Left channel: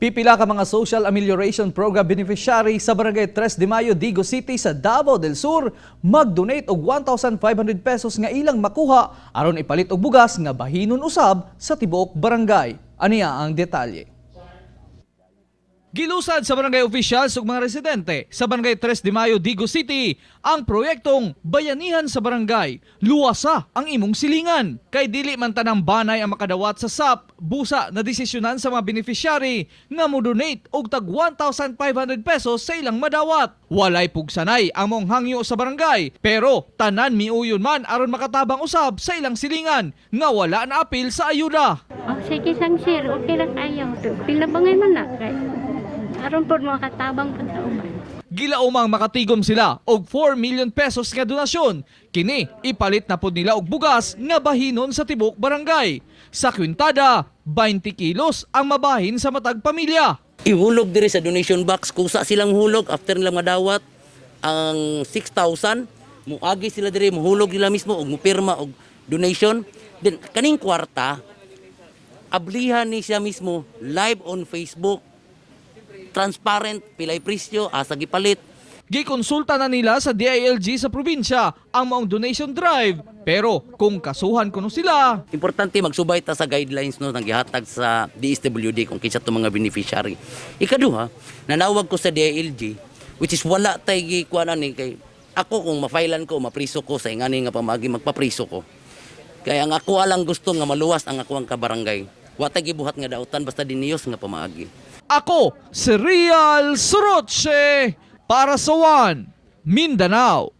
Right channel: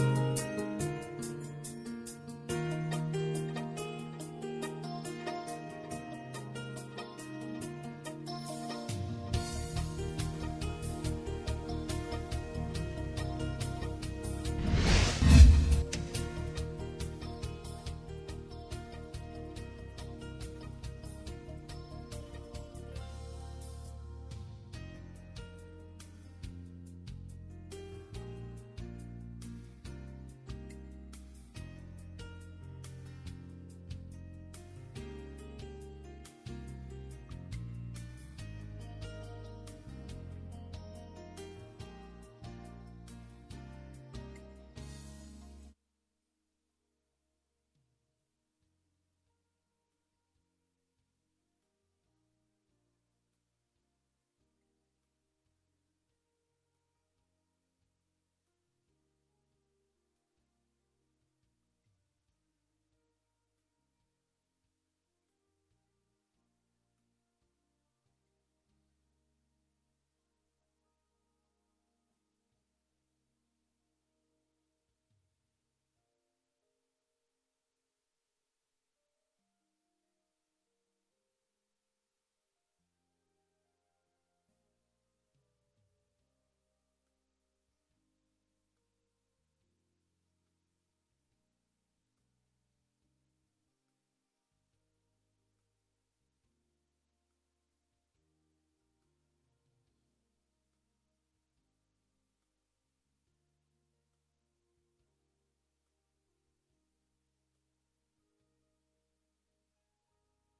Pipila ka mga Social Amelioration Program beneficiary sa Barangay 3 de Mayo, Digo City sa Davao del Sur mag-donate og 1,500 pesos nga ilang makuha aron ipalit og bugas nga bahinon usab sa tibuok barangay. Aniya ang detalye. Gilusad sa barangay officials ug mga residente sa Barangay 3 de Mayo, Digo City ang proyektong Bayanihan sa Barangay. Luwasa ang imong silingan kay dili man tanang banay ang makadawat sa SAP. Busa na desisyonan sa mga beneficiary nga mo-donate og tag 1,500 pesos sa ilang madawat. Walay pugsanay ang mong hangyo sa barangay pero tanan miuyon man aron makatabang usab sa ilang silingan nga wala na apil sa ayuda. Oh, sige sang sir, okay lang kayo. Pilabangay man na kay aron po mga katabang pagtauban. Gilaumang makatigom sila og 4 million pesos nga donasyon. Kini ipalit na pud nila og bugas nga bahinon sa tibuok barangay. Sa kwintada, 20 kilos ang mabahin sa matag pamilya. Ihulog diri sa donation box kung sa silang hulog after nila madawat ang 6,000 muagi sila diri mohulog nila mismo og mupirma og donation. Then kaning kwarta ablihan ni siya mismo live on Facebook. Transparent, pilay presyo, asa gipalit. Gikonsulta na nila sa DILG sa probinsya ang maong donation drive. Pero kung kasuhan kuno sila, Importante magsubay ta sa guidelines no nang gihatag sa DSWD kung kinsa to mga beneficiary. Ikaduha, nanawag ko sa DILG which is wala tay gikuanan ni kay ako kung mafailan ko, mapriso ko sa ingani nga pamagi magpapriso ko. Kaya ang ako alang gusto nga maluwas ang ako ang kabarangay. Wa tay gibuhat nga dautan basta diniyos nga pamaagi. ako si Real Soroche para sa One Mindanao.